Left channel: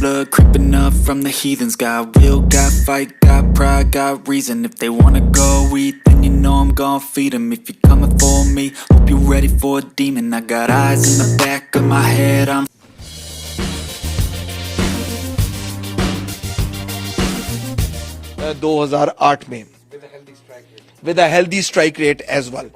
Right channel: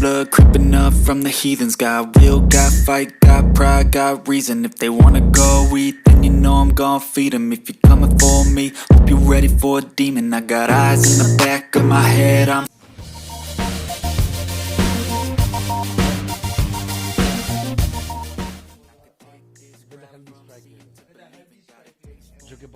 blood creeping up from the heathens. Got will, got fight, got pride, got reason. If they wanna go eat, then you know I'm gon' feed them. If you're coming for me, hope you're ready for a demon. I got eyes in the back of my head, I'm 2008 में with a healthy strike rate as well.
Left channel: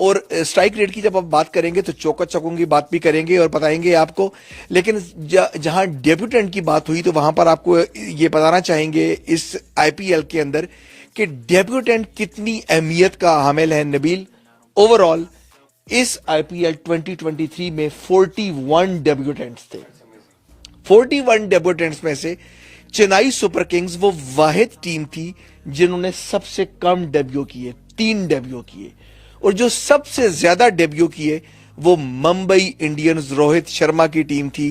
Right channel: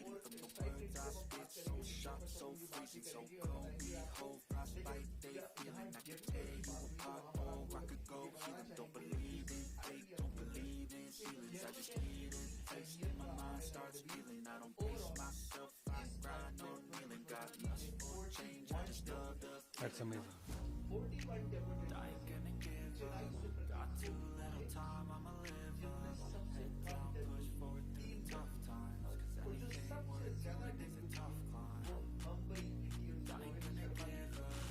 और strike rate की जब आप बात करेंगे तो चौका चौकों की बात भी करेंगे और बताएंगे आपको, लेकिन जहां डेब्यूटेंट की बात हुई तो वहां पर आपको ये बताना चाहेंगे इस आईपीएल के अंदर कि डेब्यूटेंट कितनी अहमियत का हामिल है। नबील, ओवरऑल इस आईपीएल 2023 में 41 डेब्यूटेंट्स थे। 41 डेब्यूटेंट्स में से चेन्नई सुपर किंग्स वो वाहिद टीम थी जिन्होंने सबसे कम डेब्यू किए, 3 डेब्यू किए, और जो सबसे ज्यादा डेब्यू किए वो मुंबई इंडियंस रोहित शर्मा की टीम थी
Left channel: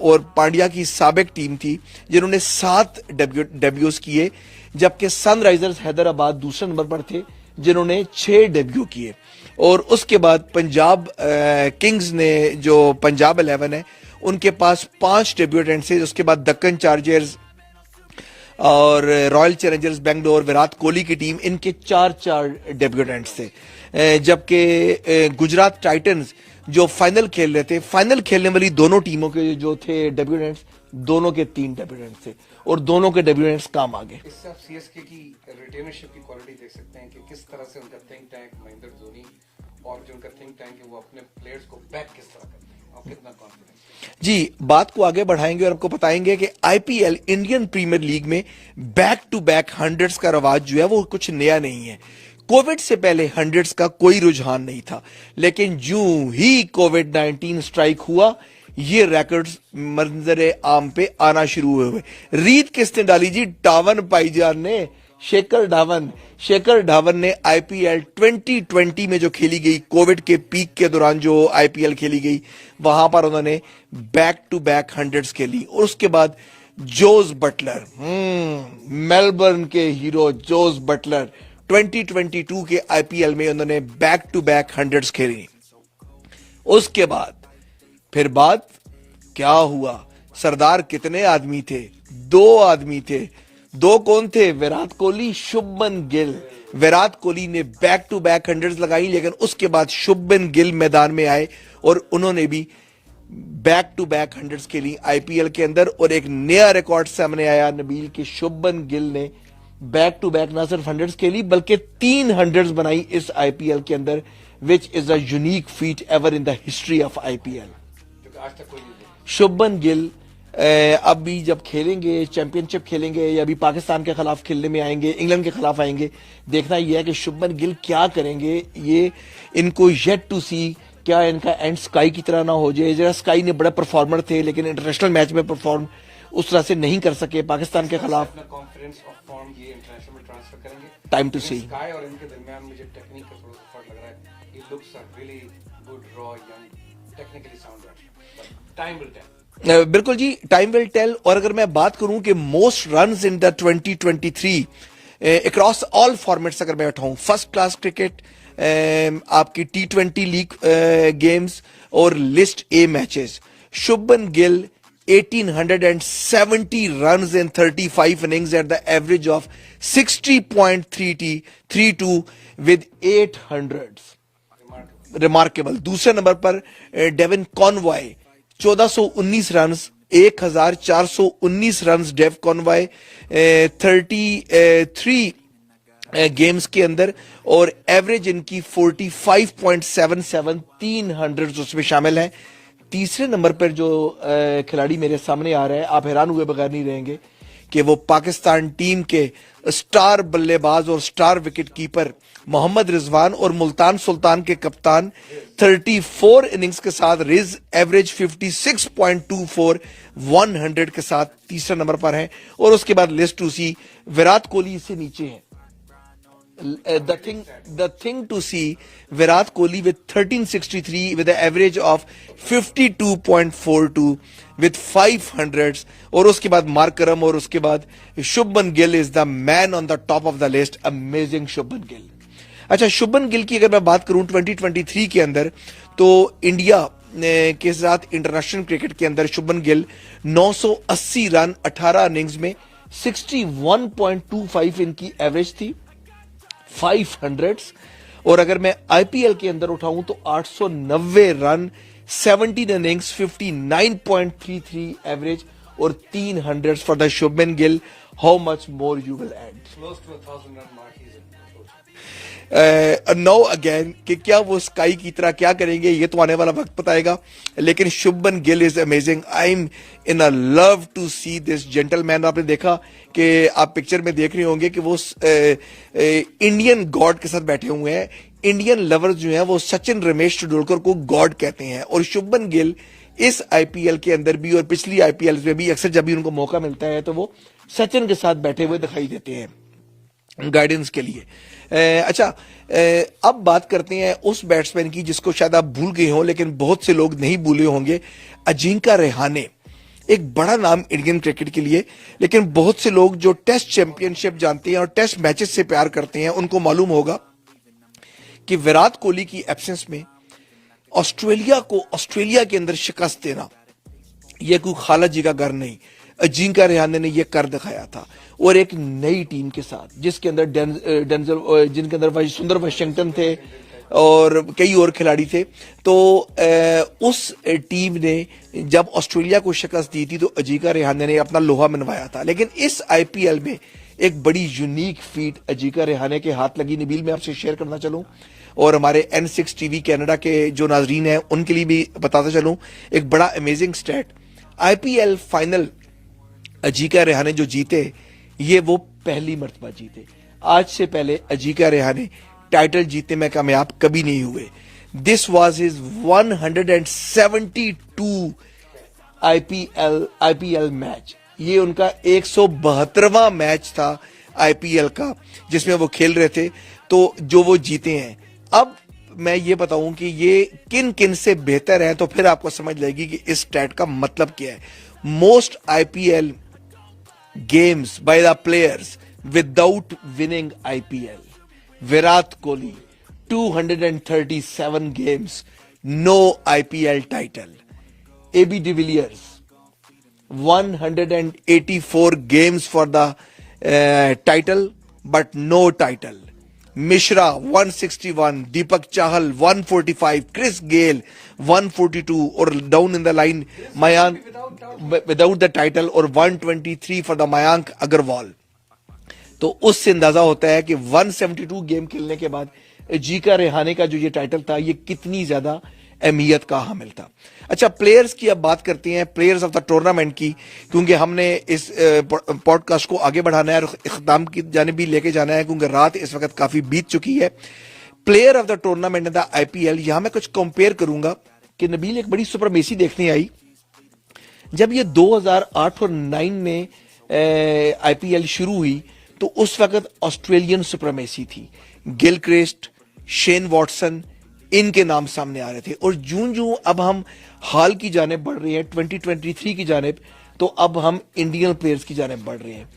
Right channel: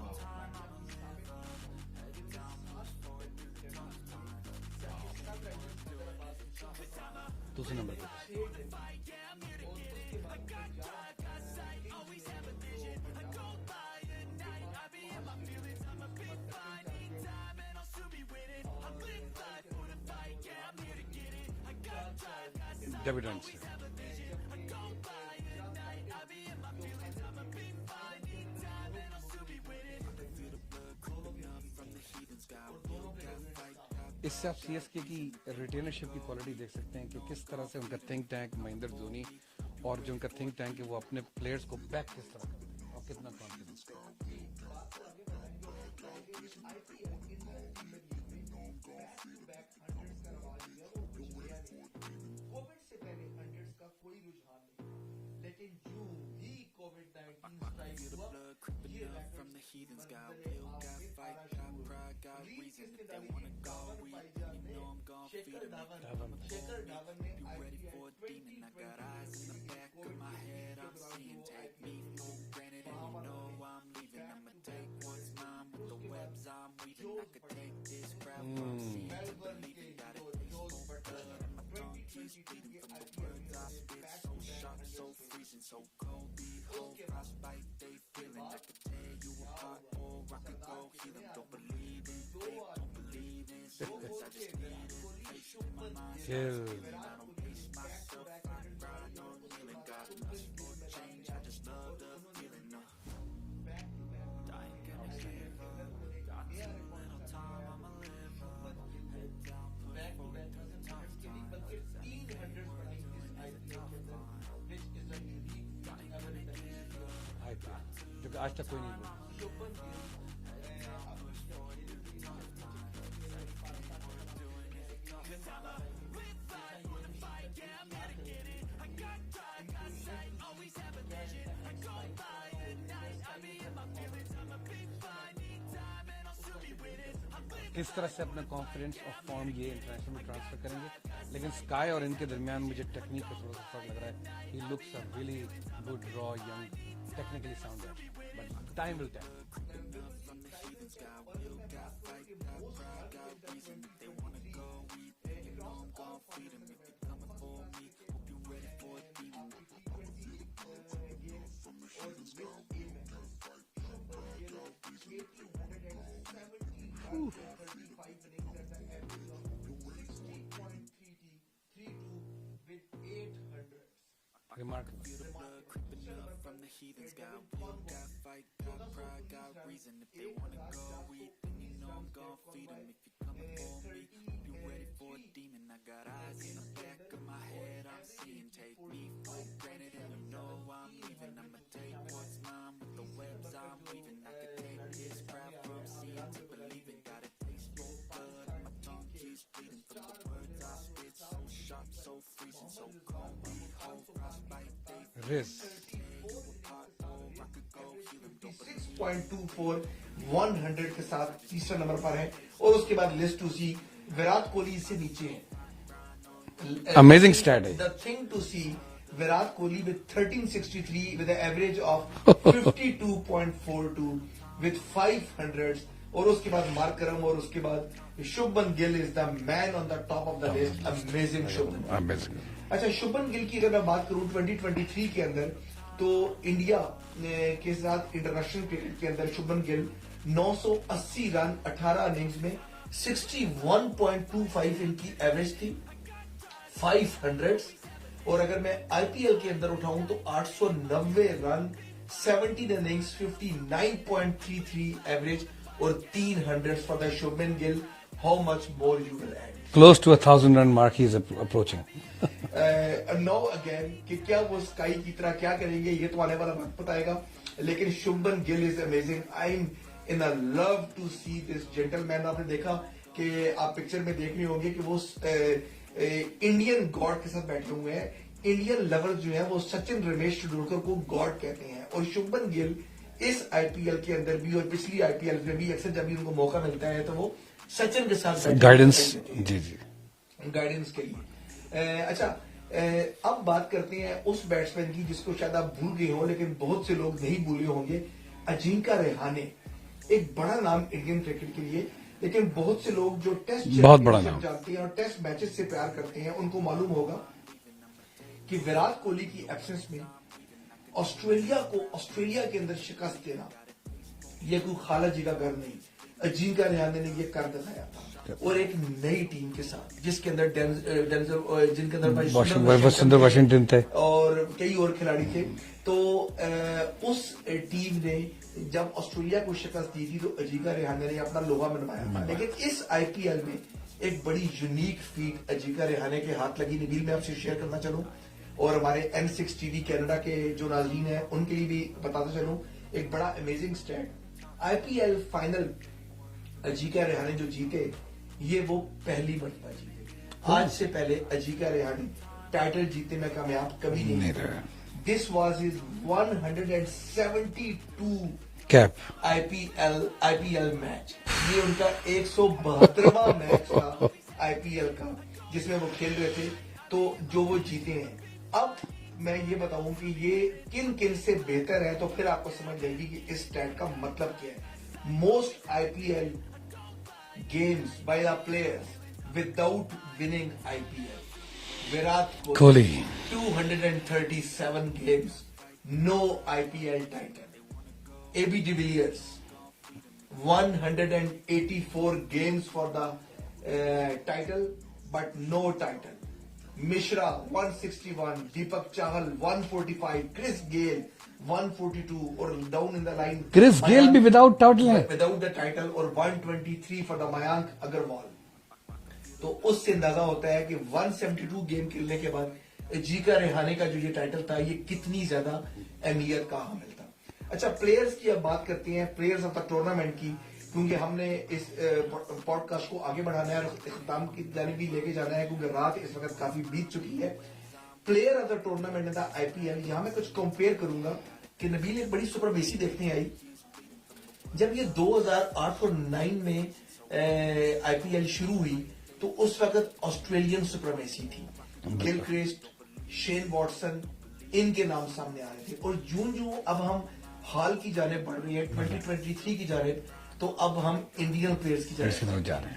और पांड्या की साबिक टीम थी जिन्होंने 7 डेब्यूज किए, जबकि सनराइजर्स हैदराबाद दूसरे नंबर पर थे जिन्होंने 6 डेब्यू किए। और उसके बाद पंजाब किंग्स ने, जो पंजाब 11 है, उनके पास 5 डेब्यूटेंट्स थे। उसके बाद दक्कन चार्जर्स और रॉयल चैलेंजर्स बेंगलोर, विराट कोहली की टीम, इनके 4 डेब्यूटेंट्स थे। जबकि गुजरात टाइटंस जो फाइनल खेल रहे थे, फाइनल खेलने वाली दोनों टीमों के जो थे डेब्यूटेंट्स, दोनों के 3 डेब्यूटेंट्स थे और दोनों के डेब्यूटेंट्स काम आ गए। इससे आप सीएसके की रिटेनरशिप की क्वालिटी देख सकते हैं कि किस तरह से उनका थिंक टैंक महेंद्र धोनी और जो उनका थिंक टैंक है वो अपने प्लेयर्स को बैक किस तरह करते हैं और कितना कॉन्फिडेंस। जी, बात को आगे बढ़ाएंगे और आपको बताएंगे कि आईपीएल इंडियन प्रीमियर लीग में बैक टू बैक हंड्रेड्स का रवाज जो है वो कुछ नया नहीं है। कोविड से पहले हंड्रेड्स का कोई रुझान नहीं था, लेकिन जो ही कोविड-19 स्ट्राइक हुआ ये रिकॉर्ड्स मंजर आम पे आना शुरू हुए। रीत किसने डाली जी? डावन भाईजान ने, शेखर धावन ने आईपीएल 2020 में जो खेली गई, कोविड के पीक के दौरान जो आईपीएल खेली गई, वहां पर उन्होंने बैक टू बैक हंड्रेड्स खेली। और उसके बाद जोस बटलर, मेलबर्न के हीरो जोस बटलर 2022 के आईपीएल में उन्होंने बैक टू बैक हंड्रेड्स खेली। उसके बाद फिर बात क्या हुआ? सरदार कितने आदमी थे? 2 आदमी थे। 2 कौन थे? विराट कोहली, शुभमन गिल। विराट कोहली ने बैक टू बैक हंड्रेड्स लगाई, लेकिन उसके बाद शुभमन गिल मैदान में आए और उन्होंने भी बैक टू बैक हंड्रेड्स खेली आईपीएल के अंदर। और एक नया रिकॉर्ड सामने आया नबील के शुभमन गिल ने बैक टू बैक ना सिर्फ हंड्रेड्स खेली बल्कि 3 हंड्रेड्स बनाई इस आईपीएल के अंदर, which is a unique feet ever in the history of IPL. Shubman Gill अभी जब खेलेंगे, चैंपियनशिप खेलेंगे या अभी पाकिस्तान के खिलाफ खेलने में आएंगे, इंग्लैंड के खिलाफ आएंगे, देखना यह है कि शुभमन गिल क्या करेंगे। ये इनको येट टू सी, क्या इनका एंड स्काई की तरह ना हो जाए। जरा स्काई ने बड़ा परफॉर्मर थे लेकिन इंटरनेशनल मैच में परफॉर्म उस तरह से नहीं कर सके पाकिस्तान के खिलाफ। Time to C. स्काई और इनके दरमियान मुझे टेक्निक का थोड़ा सा फर्क लग रहा है। He looks a really good raw young technically sound. Time will tell. बिल्कुल जी, टाइम विल टेल। और अगर मैं बात करूं कि most runs in the 2023 across all formats अगर मैं उठाऊं, फर्स्ट क्लास क्रिकेट, आपकी T20 लीग गेम्स और list A matches, Shubman Gill 1870 runs in 35 innings at the average of 60.32 with 8 hundreds. Remarkable. दूसरे नंबर पर Devon Conway 1419 runs, 1419 runs Dev Conway 33 games के अंदर, और एवरेज इनकी 45.77, 3 हंड्रेड्स उसमें शामिल है। तीसरे नंबर पर जो खिलाड़ी मेरे सामने आ रहा है, आप हैरान हुए बगैर नहीं रहेंगे कि वो पाकिस्तान टीम के स्टार बल्लेबाज और star wicket keeper Mohammad Rizwan और मुल्तान सुल्तान के कप्तान 34 इनिंग्स के साथ रिज, एवरेज 56.24, 100 के साथ तीसरे नंबर पर है। और उसके बाद लिस्ट टू सी, विराट कोहली इससे नीचे है। Amazing stat. The thing to see, Virat Kohli with 1363 with an average of 52.42 with 500s, और उसके बाद मार्करम और उसके बाद Shubman Gill is the man on the top of the list. Amazing Shubman Gill. अच्छा, शुभमन गिल की अगर मैं बात करूं 2023 के अंदर, तो इंडिया के साथ इंटरनेशनल क्रिकेट के अंदर शुभमन गिल 980 रन 18 इनिंग्स में 61.25 इनकी एवरेज थी, 500s। और अगर मैं आईपीएल के अंदर उठाऊं तो 890 रन 17 इनिंग्स 59.33 एवरेज और 300s for the Shubman Gill. How much more you will add? Close to 1,000 run mark he is approaching. No again कि क्या वो स्काई की तरह क्या करेंगे ये तो आने वाला वक्त बताएगा, लेकिन Shubman Gill is amazing. I am in a love to see this gentleman. आपने देखा कि आप पिक्चर में देख रहे होंगे कि वो इंडियन गॉड के साथ बैठे हुए हैं। इंडियन लवर्स जो हैं वो सचिन रमेश तेंदुलकर को गॉड कहते हैं, और शुभमन गिल इस आईपीएल के अंदर भी और पिछली आईपीएल में भी अक्सर जब भी उनको मौका मिलता है तो वो सचिन के साथ बैठे हुए दिखाई देते हैं गाइडेंस के लिए। अच्छा, अब बात करते हैं उस बैट्समैन की जिसको शायद आप भूल गए हो लेकिन बहुत से लोग नहीं भूले होंगे, अजिंक्य रहाणे। एक बड़ा नाम इंडियन क्रिकेट के लिए, लेकिन बहुत से लोग जो टेस्ट चैंपियनशिप जानते हैं और टेस्ट मैचेस से प्यार करते हैं उनको मालूम होगा कि विराट कोहली की एब्सेंस में ऑस्ट्रेलिया के अंदर शिकस्त देना यह कोई खाला जी का घर नहीं, अजिंक्य रहाणे ने यह कर दिखाया था। और एक नई टीम के साथ जिसके अंदर डेंजल, जिनके अंदर सुंदर वाशिंगटन थे और कई और खिलाड़ी थे, तो उस टीम ने जब ऑस्ट्रेलिया को शिकस्त दी थी तो अजिंक्य रहाणे ने अपना लोहा मनवाया था। लेकिन इस आईपीएल में एक बड़ी यूनिक फीट अजिंक्य रहाणे के हाथ लगी। नबील, मैं आपसे शेयर करना चलूं और हमारे N6 टीवी कनाडा के जो नाजरीन हैं उनके लिए भी बताता चलूं एक बड़ा amazing stat. IPL final Ajinkya Rahane जो जीते ये वो पहली मर्तबा जीते। आज से पहले अजिंक्य रहाणे टाइटल जीतने में कामयाब कभी नहीं हुए। This was his 172 cap IPL match. ये उनका 172वां मैच था आईपीएल का जिसमें वो खेल रहे थे, तो जो वो जीते हैं। अब मैं ये बताऊं कि ये किन किन से बेहतर है तो फिर आपको समझ लगेगी कि इस स्टैट का मतलब क्या है। Most IPL games by the players without winning IPL. Virat Kohli 237 games, no IPL title. AB de Villiers 184 games for the title but no title. Mishra 161, Deepak Chahal 145, Chris Gayle 142 और down in the line Chris Gayle भी without the title और 123 for the Mayank Agarwal. तो उससे अंदाजा होता है कि 172 game खेलने के बाद अजिंक्य रहाणे का जो ये टाइटल था ये कितनी ज्यादा अहमियत का हामिल था। अच्छा, प्लेयर्स की अब बात करते हैं, प्लेयर्स ऑफ द टूर्नामेंट की, क्योंकि हमने इस पॉडकास्ट को आगे बढ़ाना है और इख्तिताम की जानिब भी लेके जाना है क्योंकि रात इस वक्त काफी बीत चुकी है। Player of the tournament in the IPL, यहां मैं कुछ कंपेयर करूंगा कि नबील एक बड़ी सुपरमेसी देखने आई जब ये 2008 और 9 में आईपीएल शुरू हुई तो उस वक्त ऑस्ट्रेलियन सुपरमेसी थी। गिलक्रिस्ट, शेन वॉटसन, इनके नाम सामने आ रहे थे। और जूं जूं अब हम हाल की जानिब बढ़ रही है 2023 की जानिब, तो अब हम इंडियन प्लेयर्स की जानिब बढ़ रहे हैं।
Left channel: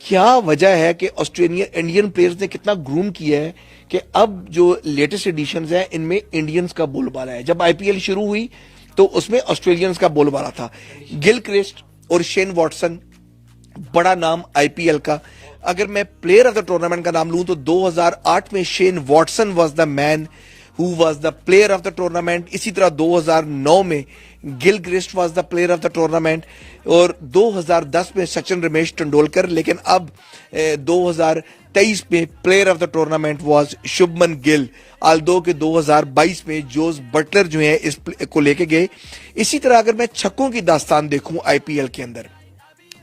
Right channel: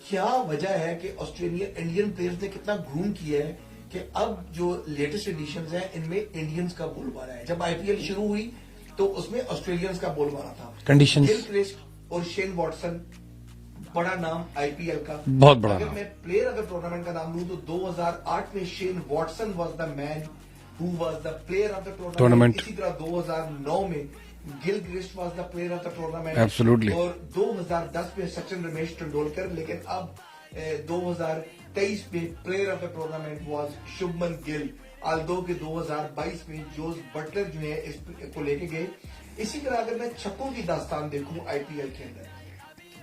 क्या वजह है कि इंडियन प्लेयर्स ने कितना ग्रूम किया है कि अब जो लेटेस्ट एडिशंस हैं इनमें इंडियंस का बोलबाला है। जब आईपीएल शुरू हुई तो उसमें ऑस्ट्रेलियंस का बोलबाला था। गिलक्रिस्ट और शेन वॉटसन बड़ा नाम आईपीएल का। अगर मैं प्लेयर ऑफ द टूर्नामेंट का नाम लूं तो 2008 में Shane Watson was the man who was the player of the tournament. इसी तरह 2009 में Gilchrist was the player of the tournament और 2010 में सचिन रमेश तेंदुलकर। लेकिन अब 2023 में player of the tournament was Shubman Gill, Aldous के 2022 में जोस बटलर जो है इस को लेके गए। इसी तरह अगर मैं छक्कों की दास्तान देखूं आईपीएल के अंदर,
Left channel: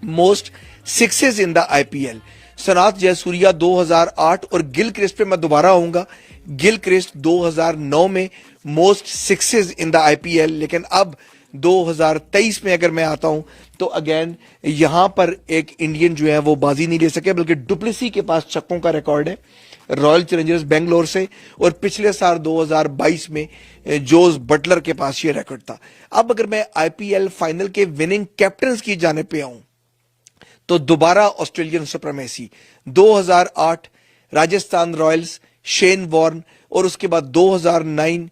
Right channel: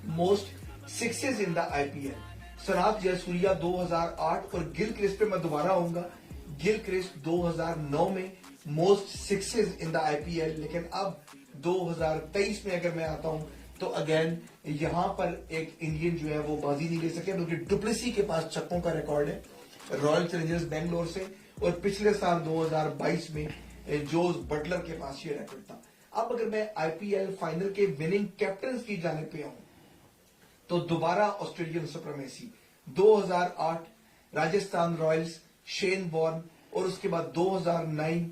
most sixes in the IPL, सनात जयसूर्या 2008 और गिलक्रिस्ट पे मैं दोबारा आऊंगा। गिलक्रिस्ट 2009 में most sixes in the IPL, लेकिन अब 2023 में अगर मैं आता हूं तो अगेन यहां पर एक इंडियन जो है वो बाजी नहीं ले सके, बल्कि डुप्लेसी के पास छक्कों का रिकॉर्ड है रॉयल चैलेंजर्स बेंगलोर से, और पिछले साल 2022 में जोस बटलर के पास ये रिकॉर्ड था। अब अगर मैं आईपीएल फाइनल के विनिंग कैप्टन्स की जाने पे आऊं तो दोबारा Australian supremacy 2008 Rajasthan Royals, Shane Warne, और उसके बाद 2009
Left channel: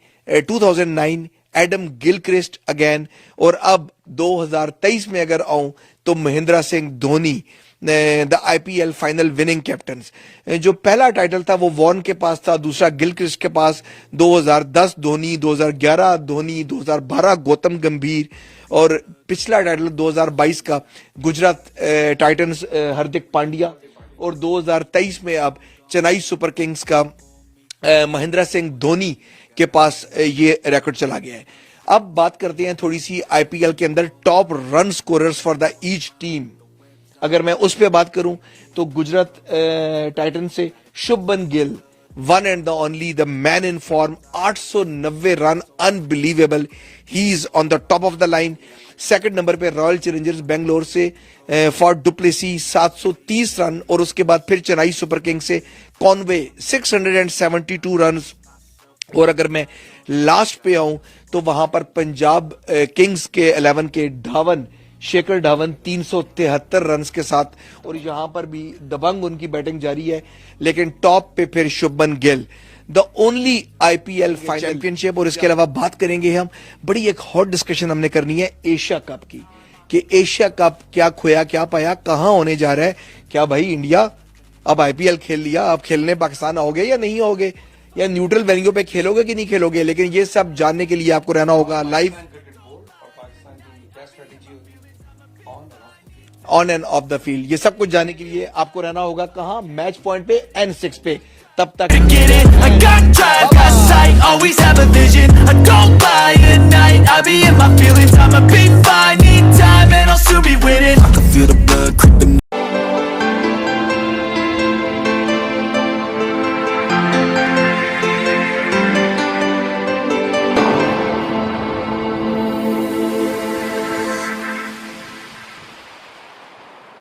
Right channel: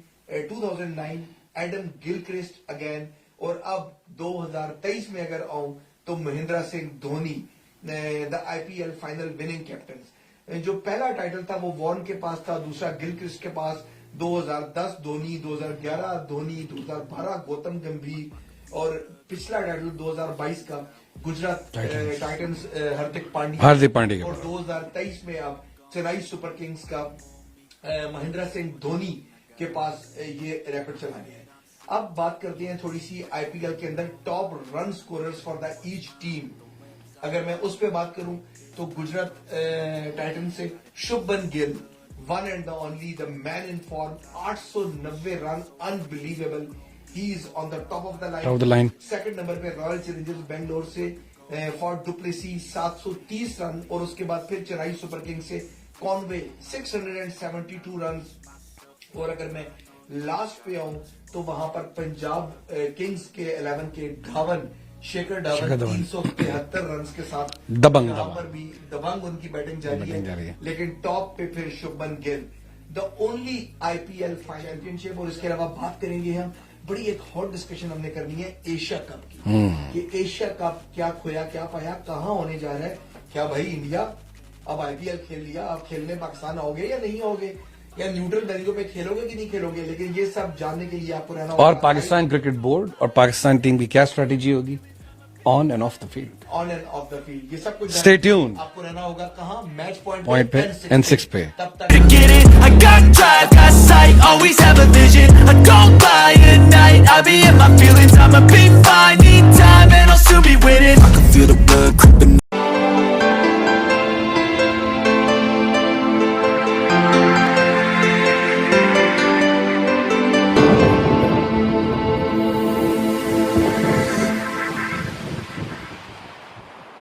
एडम गिलक्रिस्ट अगेन, और अब 2023 में अगर आऊं तो Mahendra Singh Dhoni, the IPL final winning captain. जो पहला टाइटल था वो वॉर्न के पास था, दूसरा गिलक्रिस्ट के पास, 2010 धोनी, 2011 धोनी, 2012 गौतम गंभीर, और पिछला टाइटल 2022 का गुजरात टाइटंस हार्दिक पांड्या, और 2023 में अब चेन्नई सुपर किंग्स का महेंद्र सिंह धोनी के पास ये रिकॉर्ड चला गया है। अब बात करते हैं थोड़ी सी आईपीएल के अंदर top run scorers for the each team. अगर मैं उस पे बात करूं तो गुजरात टाइटन से Shubman Gill, one and the only, the man in form, 890 run, unbelievable, he is on the top of the line. Second number पे रॉयल चैलेंजर्स बेंगलोर से फॉर डुप्लेसी 730 रन, और उसके बाद फिर चेन्नई सुपर किंग्स से कॉनवे 672 रन। और अगर मैं लास्ट पे आऊं तो वहां पर पंजाब किंग्स के 11 के धावन, शेखर धावन 373 रन के साथ, यहां पर भी दबंग उनकी बैटिंग जारी है। लेकिन टॉप पे फिर Shubman Gill, the only IPL final championship. और इसके अलावा बात करेंगे हम, बड़ी एक हॉट डिस्कशन हमने करनी है एशिया कप की, कि एशिया कप क्या खोया क्या पाया, कहां होने जा रहा है, क्या भाई इंडिया अब आईपीएल खेल लिया, अब खेलने पाकिस्तान आओगे या नहीं आओगे, या न्यूट्रल वेन्यू पे खेलोगे कि नहीं खेलोगे। लेकिन ये सब जानने के लिए आपको रहना होगा। और पाकिस्तान क्रिकेट बोर्ड और पाकिस्तान टीम की क्या स्ट्रेटेजी होगी on end of the field, on end of the field, ये सब कुछ जानने के लिए आपको रहना होगा कहां, मैच पॉइंट पे N6 पे। तब तक Get it, I got drive, got sight, always have a vision. I don't lie at night, I be in my feelings. I'ma be fine, need time, and I'll soon be winning. I can feel the blood creeping